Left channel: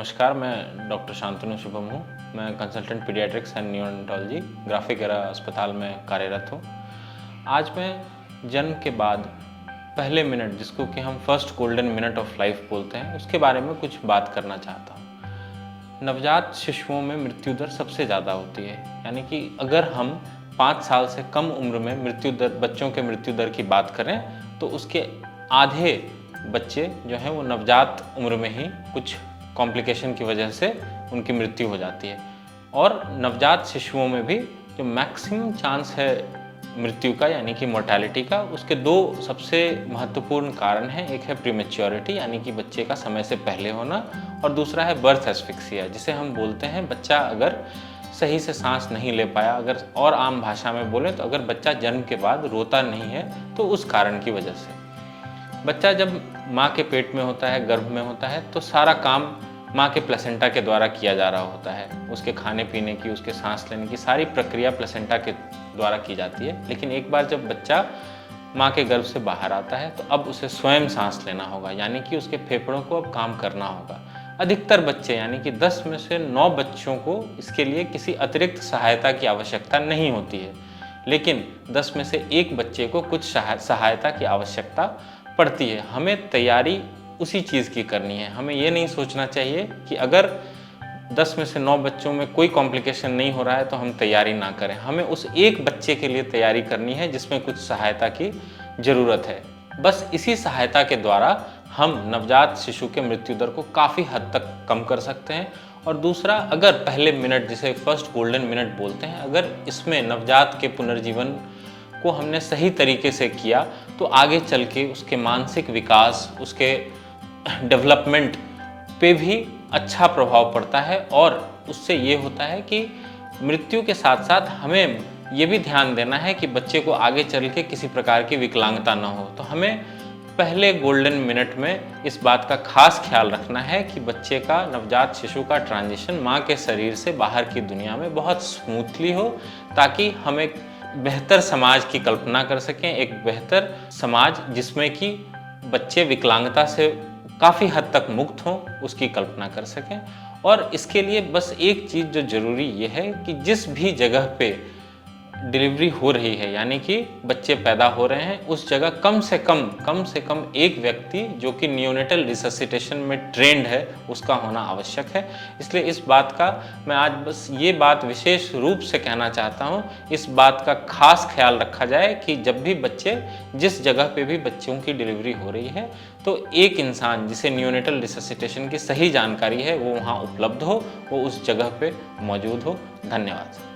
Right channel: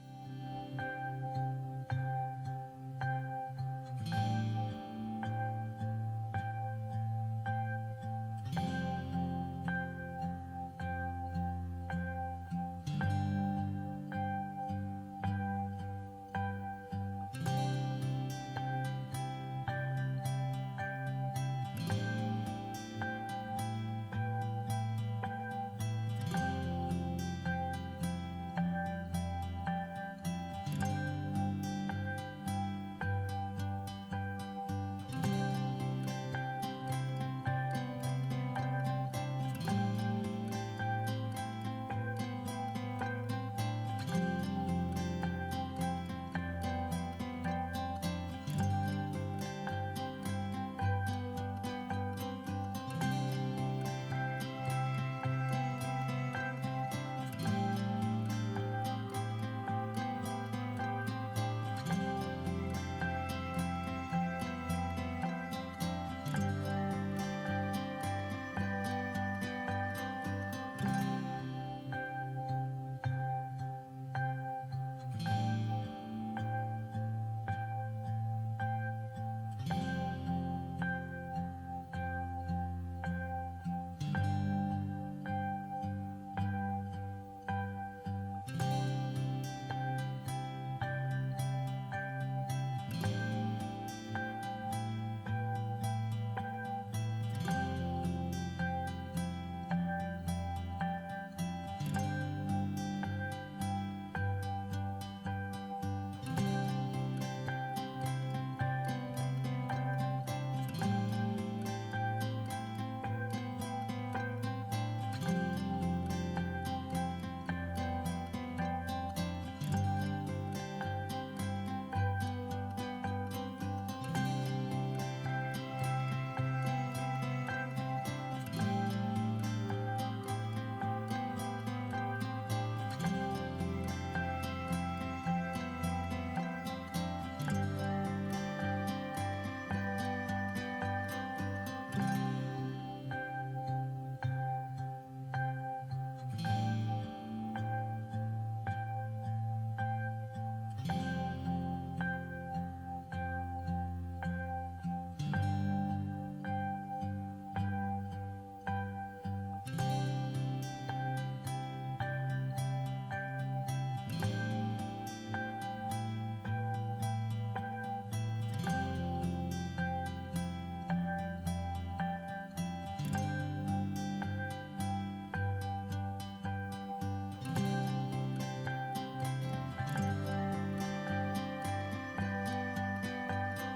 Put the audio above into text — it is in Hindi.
नमस्कार, मैं डॉक्टर शांतनु शुभम हूँ। मैं consultant paediatrics and neonatology graphic era अस्पताल में कार्यरत हूँ। आज मैं जन्म के बाद पहले मिनट, जिसको कि हम first golden minute of life बोलते हैं, उसके बारे में कुछ बात करना चाहता हूँ। नवजात शिशुओं में मृत्यु दर सबसे ज़्यादा होती है, यानी कि अगर हम 5 साल से कम उम्र में मृत्यु दर, बच्चों के मृत्यु दर की बात करें तो उसके आधे बच्चे जो हैं वो नवजात उम्र में ही कुछ कॉम्प्लिकेशन की वजह से उनकी मृत्यु हो जाती है। और नवजात शिशुओं में भी जो मैक्सिमम चांस है मृत्यु का, यानी कि मोर्टेलिटी का, उसके दो सबसे महत्वपूर्ण कारण हैं। एक है प्रीमेच्योरिटी, यानी कि बच्चे का समय से पहले होना, और दूसरा है बर्थ एस्फिक्सिया, जिसे हम बोलते हैं बच्चा अगर सही से सांस नहीं ले पाया, अगर और आम भाषा में बोले तो अगर बच्चा जन्म के बाद रोता नहीं है तो उस कारण की वजह से। बच्चा जब माँ के पेट में होता है, गर्भ में होता है, तो सारा काम माँ के प्लेसेंटा के द्वारा किया जा रहा होता है। उसके खाने पीने की, उसके सांस लेने की सारी प्रक्रिया प्लेसेंटा के द्वारा की जाती है। लेकिन एक बार जब बच्चा माँ के गर्भ से बाहर आता है तो अब उसे स्वयं सांस लेना होगा, यानी कि उसके फेफड़ों को अब काम करना होगा। अधिकतर बच्चे, यानी कि 10 में से 9 बच्चों को इसके लिए किसी अतिरिक्त सहायता की आवश्यकता नहीं होती है, लेकिन 10 में से 1 बच्चे को कुछ सहायता की आवश्यकता पड़ती है। हमें तैयारी उसी चीज़ की करनी है। हमें ये नहीं सोचना चाहिए कि अगर 10 में से 9 बच्चों में कोई कॉम्प्लिकेशन नहीं हो रहा है तो हम तैयारी ना करें। हमें उस एक बच्चे के लिए तैयारी करनी है जिसमें कुछ सहायता की ज़रूरत है। बस इसी सहायता के द्वारा हम नवजात शिशु के मृत्यु दर को काफ़ी हद तक कम कर सकते हैं। और दूसरा, अगर पहले मिनट, जिसे फर्स्ट गोल्डन मिनट बोलते हैं, अगर इसमें नवजात के पुनर्जीवन को हमने सही तरीके से किया तो आगे चल के उसके मानसिक विकास, उसके डेवलपमेंट पे भी अच्छा प्रभाव पड़ता है। और उससे ये होता है कि मृत्यु के साथ साथ हमें ये भी ध्यान देना है कि बच्चे को आगे चल के किसी प्रकार की विकलांगता ना हो। तो हमें पहले गोल्डन मिनट में इस बात का खास ख्याल रखना है कि बच्चे का, नवजात शिशु का ट्रांजिशन माँ के शरीर से बाहर की दुनिया में बहुत स्मूथली हो, ताकि हम एक बेहतर समाज की कल्पना कर सकें, एक बेहतर समाज जिसमें कि बच्चे विकलांगता से काफ़ी हद तक मुक्त हों, उसकी कल्पना कर सकें। और इसके लिए बस एक चीज़ जो ज़रूरी ये है कि जिस भी जगह पे डिलीवरी हो रही है, यानी कि बच्चे पैदा हो रहे हैं, उस जगह कम से कम एक व्यक्ति जो कि नियोनेटल रिससिटेशन में ट्रेंड है, उसका होना आवश्यक है। इसलिए इस बात का मैं आज बस ये बात विशेष रूप से कहना चाहता हूँ, इस बात का खास ख्याल रखा जाए कि जब भी बच्चे, जिस जगह पे भी बच्चों की डिलीवरी हो रही है, तो एक इंसान जिसे नियोनेटल रिससिटेशन की सही जानकारी है वो वहाँ उपलब्ध हो, वो उस जगह पे मौजूद हो। धन्यवाद।